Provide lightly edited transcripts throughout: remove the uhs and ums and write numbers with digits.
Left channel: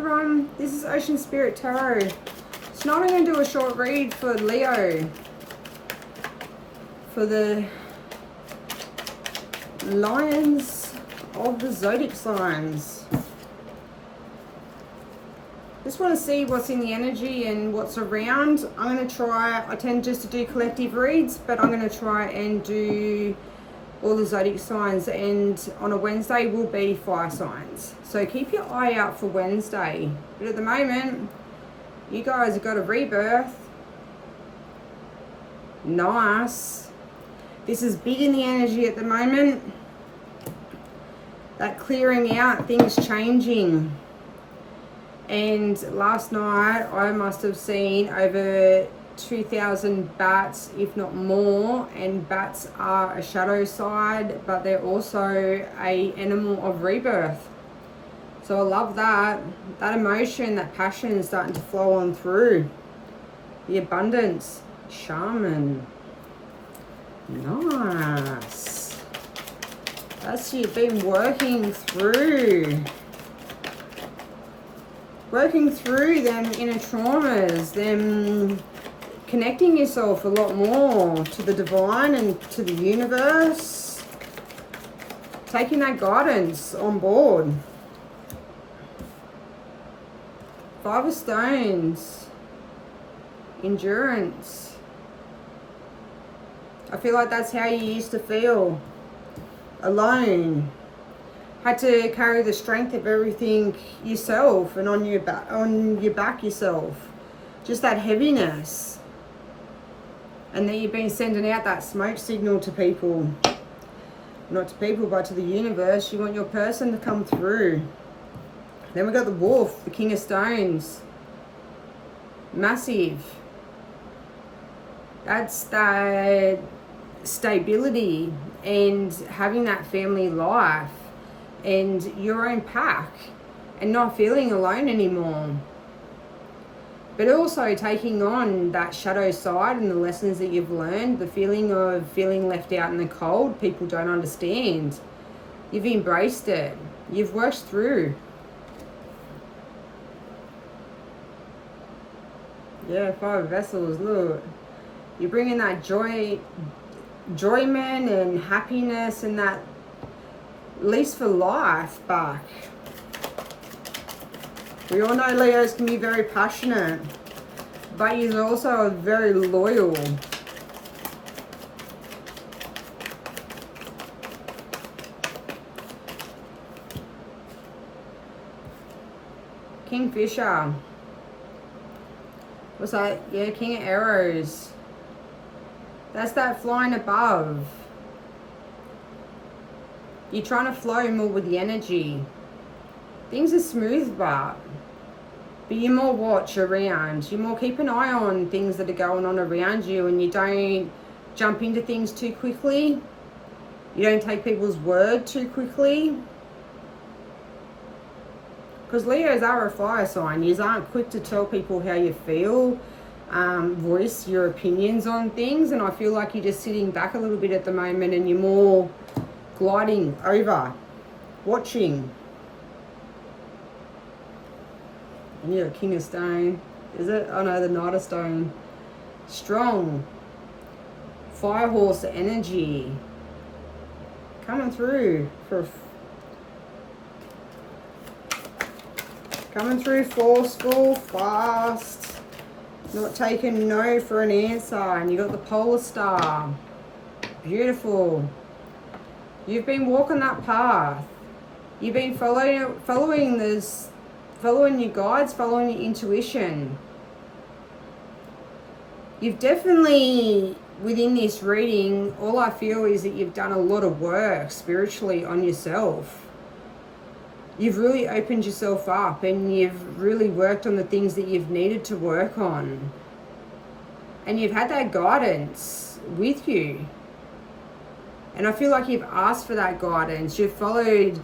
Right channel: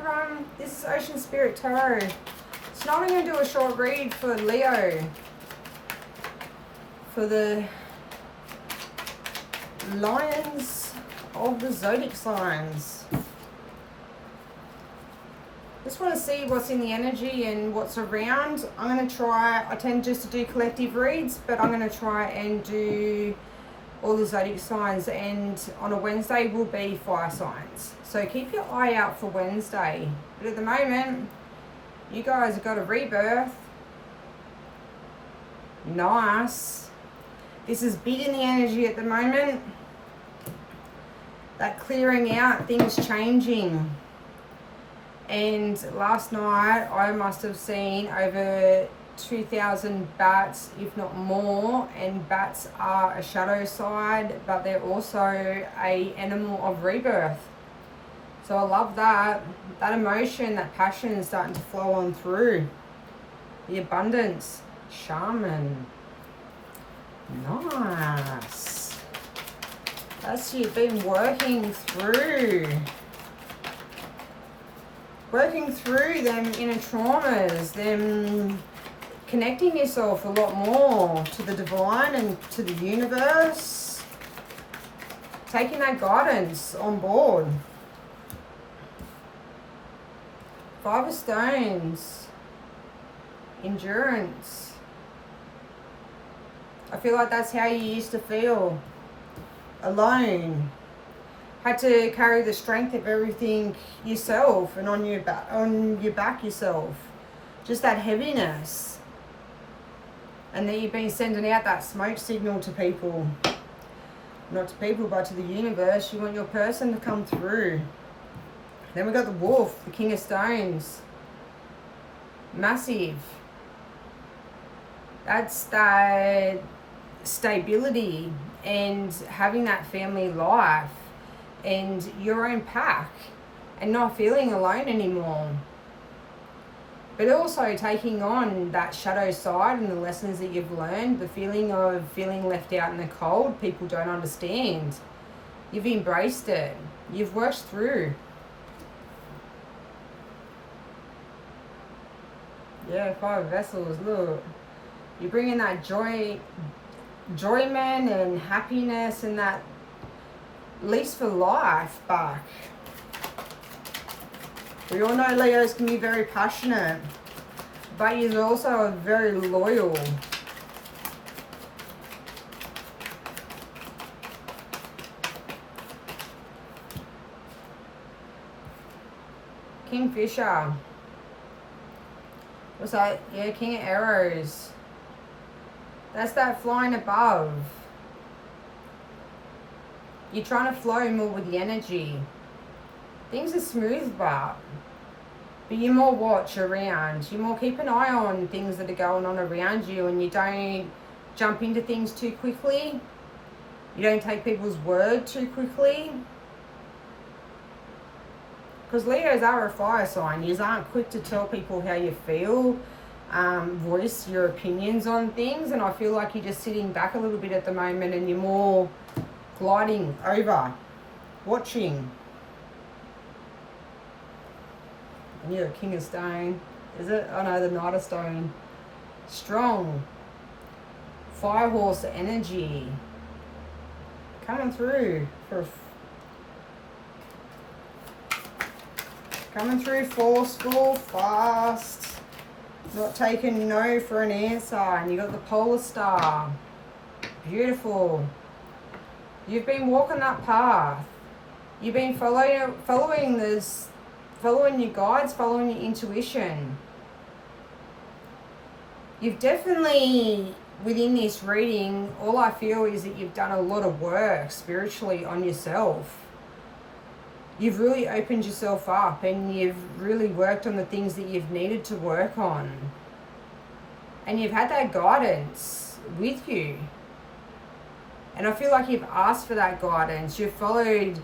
everyone, this is Ocean Spirit Tarot. Tonight I'm going to do a short read for Leo, for the Lions of the Zodiac signs. Just want to see what's in the energy and what's around. I'm going to try, I tend just to do collective reads, but I'm going to try and do all the zodiac signs, and on a Wednesday will be fire signs. So keep your eye out for Wednesday. But at the moment, you guys have got a rebirth. Nice. This is big in the energy at the moment. That clearing out, things changing. And last night I must have seen over 2,000 bats, if not more, and bats are a shadow side, but they're also a animal of rebirth. So I love that. That emotion, that passion is starting to flow on through. The abundance. Shaman. Nice. That's you've been working through them inner traumas, them connecting yourself a lot more to the divine and to the universe, taking that guidance on board. Five of Stones, endurance. I feel like that's how you used to feel, alone. Had to carry the strength of everything yourself and on your back yourself. Just that heaviness. And then you've been sending out that smoke signal to people. Not to people, but to the universe. You want your person to come through. Then we got the Wolf, the King of Stones. Massive. That's that stability and having that family life and your own pack and not feeling alone anymore. But also taking on that shadow side and the lessons that you've learned, the feeling of feeling left out in the cold, people don't understand. You've embraced it. You've worked through. Yeah, Five of Vessels, look. You're bringing that joyment and happiness and that lease for life back. We all know Leos can be very passionate, but he's also very loyal. Kingfisher. What's that? Yeah, King of Arrows. That's that flying above. You're trying to flow more with the energy. Things are smooth, but you more watch around. You more keep an eye on things that are going on around you, and you don't jump into things too quickly. You don't take people's word too quickly. Because Leos are a fire sign. You aren't quick to tell people how you feel, voice your opinions on things, and I feel like you're just sitting back a little bit at the moment and you're more gliding over, watching. And you're a King of Stone. Is it? Oh no, the Knight of Stone. Strong. Fire horse energy. Coming through for coming through forceful, fast, not taking no for an answer. And you got the Polar Star. Beautiful. You've been walking that path. You've been following this, following your guides, following your intuition. You've definitely, within this reading, all I feel is that you've done a lot of work spiritually on yourself. You've really opened yourself up and you've really worked on the things that you've needed to work on. And you've had that guidance with you. And I feel like you've asked for that guidance. You've followed,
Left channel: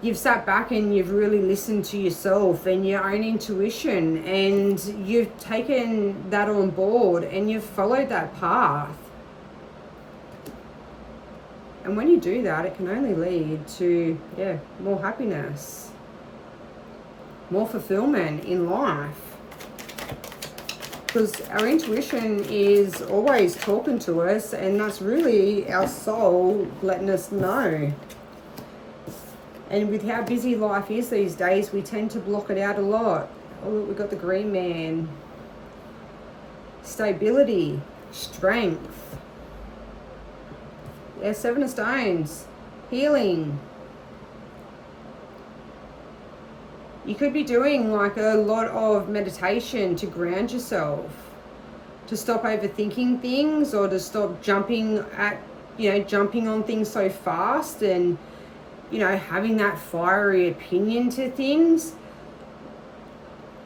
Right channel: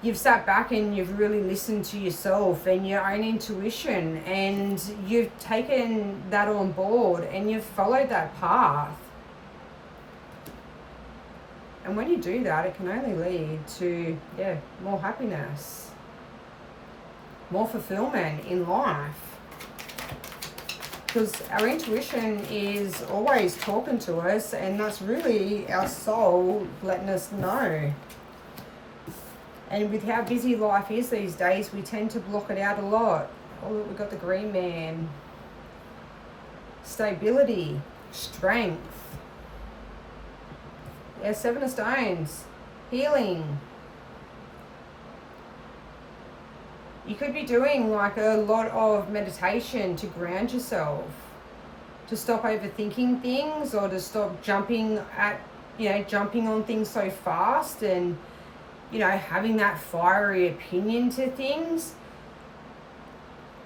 you've sat back and you've really listened to yourself and your own intuition, and you've taken that on board and you've followed that path. And when you do that, it can only lead to, more happiness. more fulfillment in life. Because our intuition is always talking to us, and that's really our soul letting us know. And with how busy life is these days, we tend to block it out a lot. Oh, look, we've got the Green Man. Stability, strength. Yeah, Seven of Stones, healing. You could be doing like a lot of meditation to ground yourself, to stop overthinking things, or to stop jumping on things so fast, and, having that fiery opinion to things.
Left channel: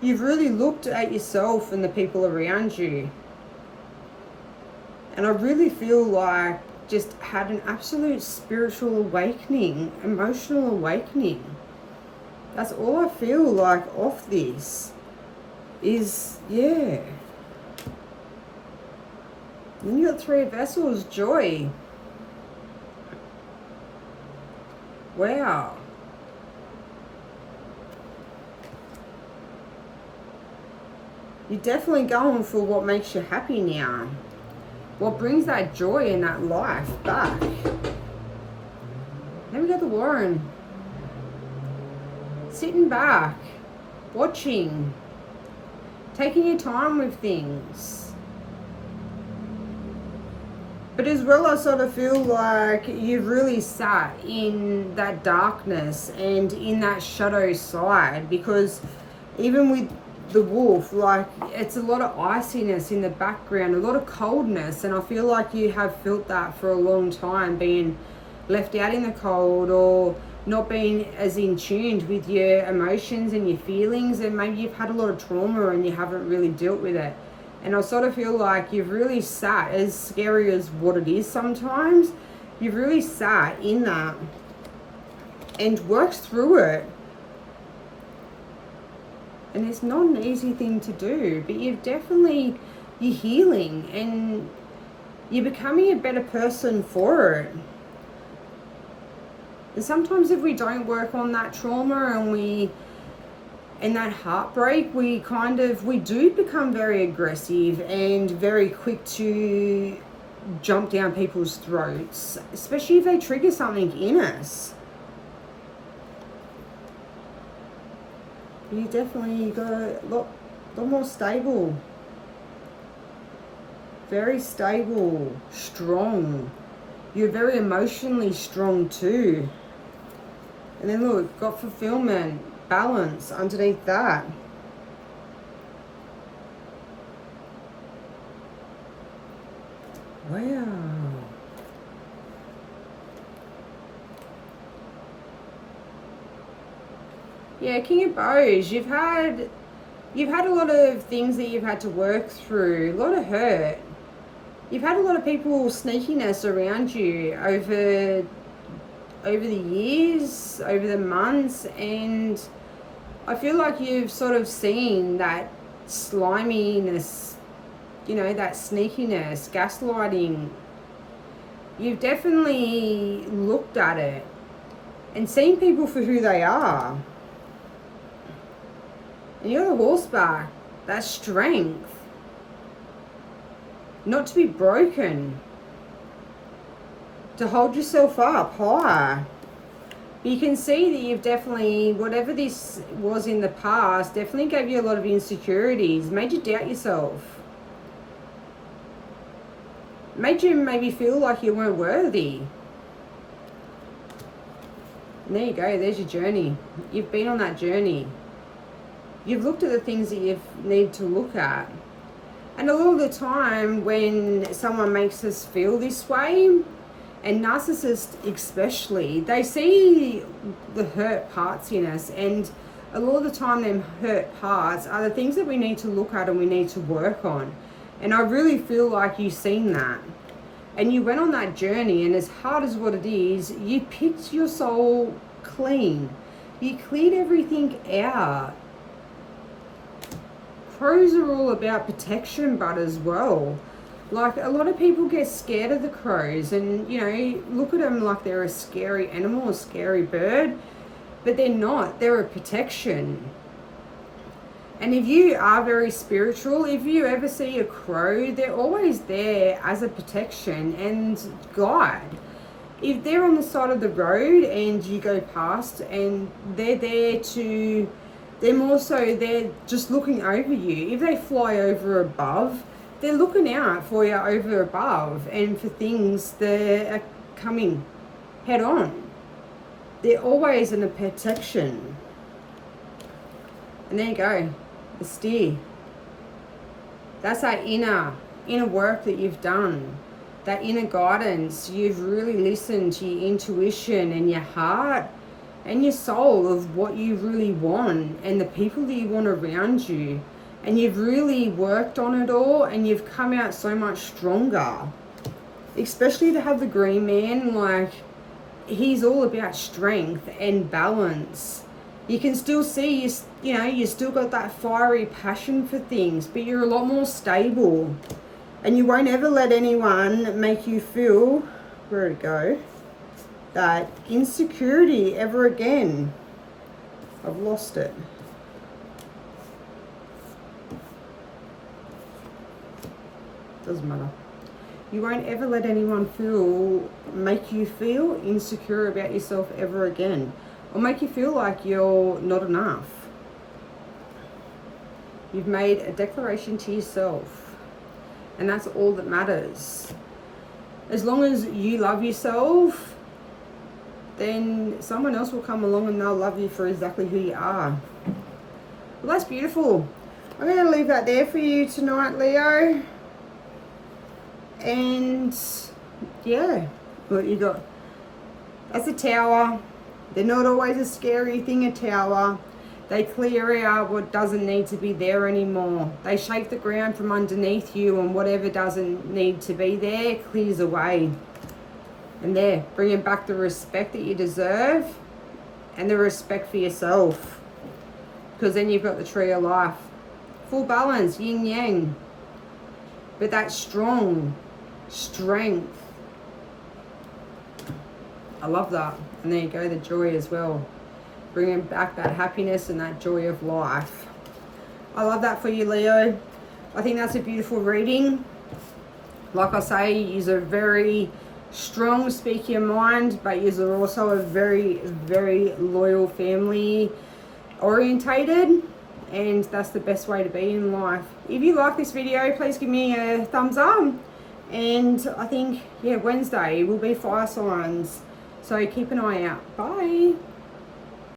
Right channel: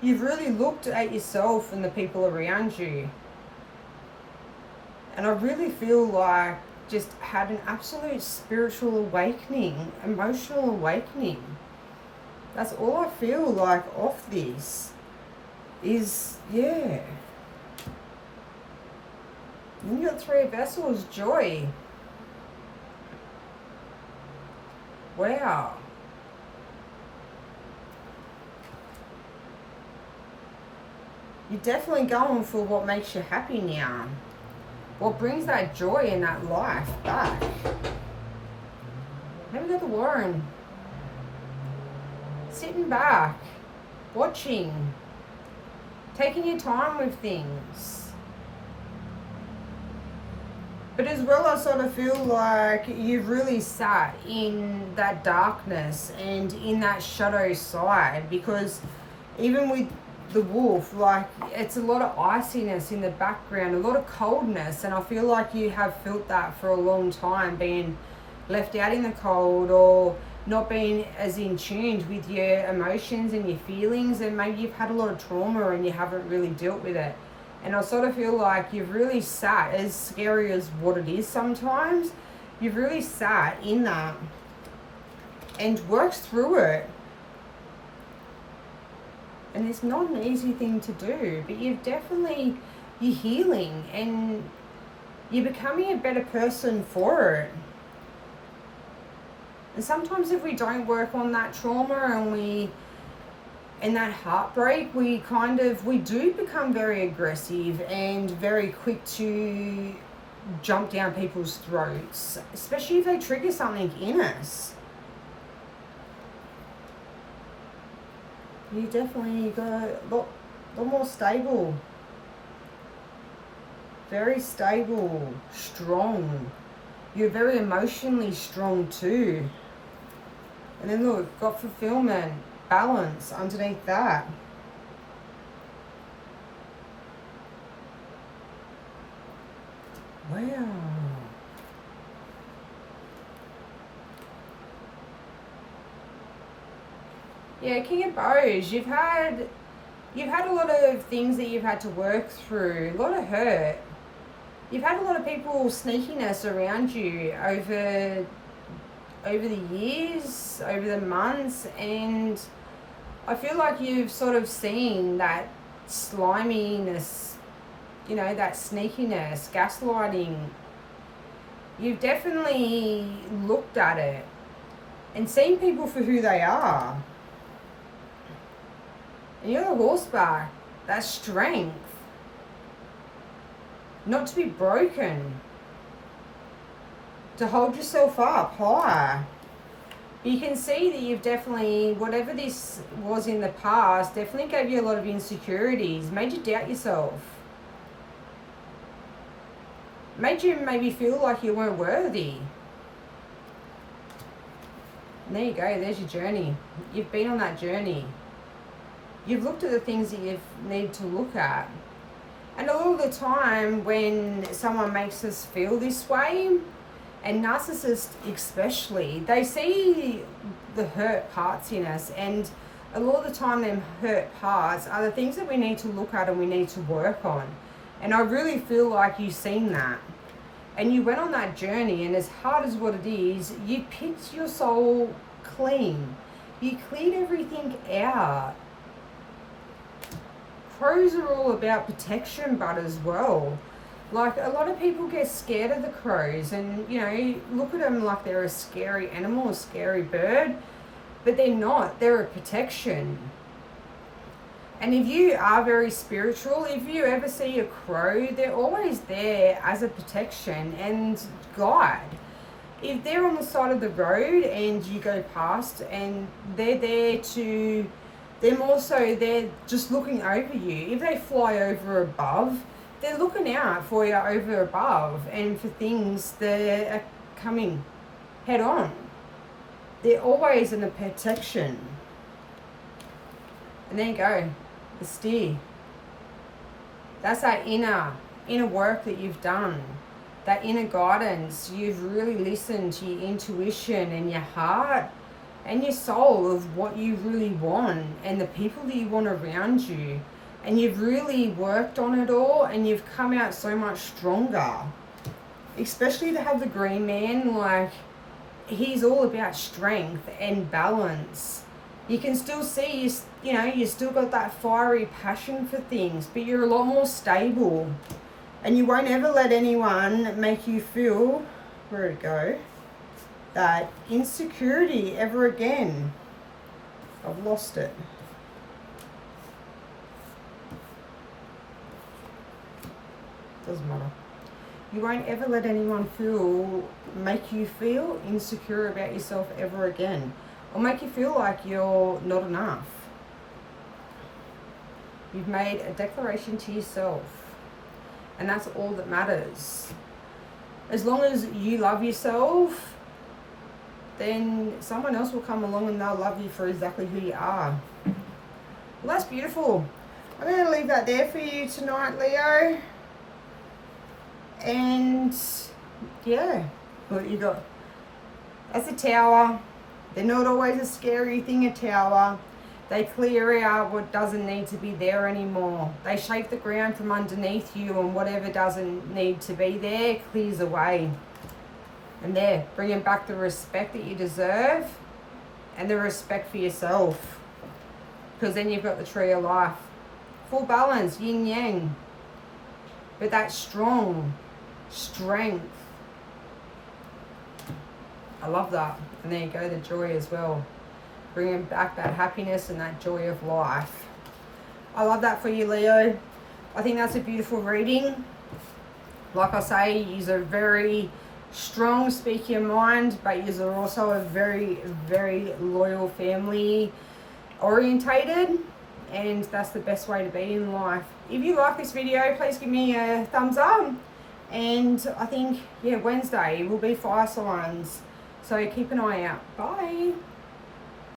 You've really looked at yourself and the people around you. And I really feel like just had an absolute spiritual awakening, emotional awakening. That's all I feel like off this is, yeah. Then you got Three of Vessels, joy. Wow. You're definitely going for what makes you happy now. What brings that joy and that life back. Then we got the Warren. Sitting back, watching, taking your time with things. But as well, I sort of feel like you've really sat in that darkness and in that shadow side, because even with the wolf, like, it's a lot of iciness in the background, a lot of coldness, and I feel like you have felt that for a long time, being left out in the cold, or not being as in tuned with your emotions and your feelings, and maybe you've had a lot of trauma and you haven't really dealt with it. And I sort of feel like you've really sat, as scary as what it is sometimes, you've really sat in that and worked through it. And it's not an easy thing to do, but you're healing and you're becoming a better person for it. And sometimes if we don't work on that trauma and that heartbreak, we do become very aggressive and very quick to jump down people's throats, especially if they trigger something in us. You definitely got a lot more stable. Very stable, strong. You're very emotionally strong too. And then look, got fulfillment, balance underneath that. Wow. Yeah, King of Bows, you've had a lot of things that you've had to work through, a lot of hurt. You've had a lot of people sneakiness around you over the years, over the months, and I feel like you've sort of seen that sliminess, that sneakiness, gaslighting. You've definitely looked at it and seen people for who they are. And you're a horseback, that strength. Not to be broken. To hold yourself up higher. You can see that you've definitely, whatever this was in the past, definitely gave you a lot of insecurities, made you doubt yourself. Made you maybe feel like you weren't worthy. And there you go, there's your journey. You've been on that journey. You've looked at the things that you need to look at. And a lot of the time when someone makes us feel this way, and narcissists especially, they see the hurt parts in us, and a lot of the time them hurt parts are the things that we need to look at and we need to work on. And I really feel like you've seen that. And you went on that journey, and as hard as what it is, you picked your soul clean. You cleared everything out. Crows are all about protection, but as well. Like, a lot of people get scared of the crows and, look at them like they're a scary animal, a scary bird, but they're not. They're a protection. And if you are very spiritual, if you ever see a crow, they're always there as a protection and guide. If they're on the side of the road and you go past and they're there to, they're more so, they're just looking over you. If they fly over above, they're looking out for you over above and for things that are coming head on. They're always in a protection. And there you go, the steer. That's that inner work that you've done. That inner guidance. You've really listened to your intuition and your heart and your soul of what you really want and the people that you want around you. And you've really worked on it all and you've come out so much stronger. Especially to have the green man, like, he's all about strength and balance. You can still see, you still got that fiery passion for things, but you're a lot more stable. And you won't ever let anyone make you feel, where'd it go, that insecurity ever again. I've lost it. Doesn't matter. You won't ever let anyone make you feel insecure about yourself ever again. Or make you feel like you're not enough. You've made a declaration to yourself. And that's all that matters. As long as you love yourself, then someone else will come along and they'll love you for exactly who you are. Well, that's beautiful. I'm going to leave that there for you tonight, Leo. And yeah, what you got? That's a tower. They're not always a scary thing, a tower. They clear out what doesn't need to be there anymore. They shake the ground from underneath you, and whatever doesn't need to be there clears away. And there, bringing back the respect that you deserve and the respect for yourself. Because then you've got the tree of life. Full balance, yin yang. But that strong strength. I love that. And there you go, the joy as well. Bringing back that happiness and that joy of life. I love that for you, Leo. I think that's a beautiful reading. Like I say, you're a very strong speak your mind, but you're also a very, very loyal family orientated. And that's the best way to be in life. If you like this video, please give me a thumbs up. And I think, yeah, Wednesday will be fire signs. So keep an eye out. Bye.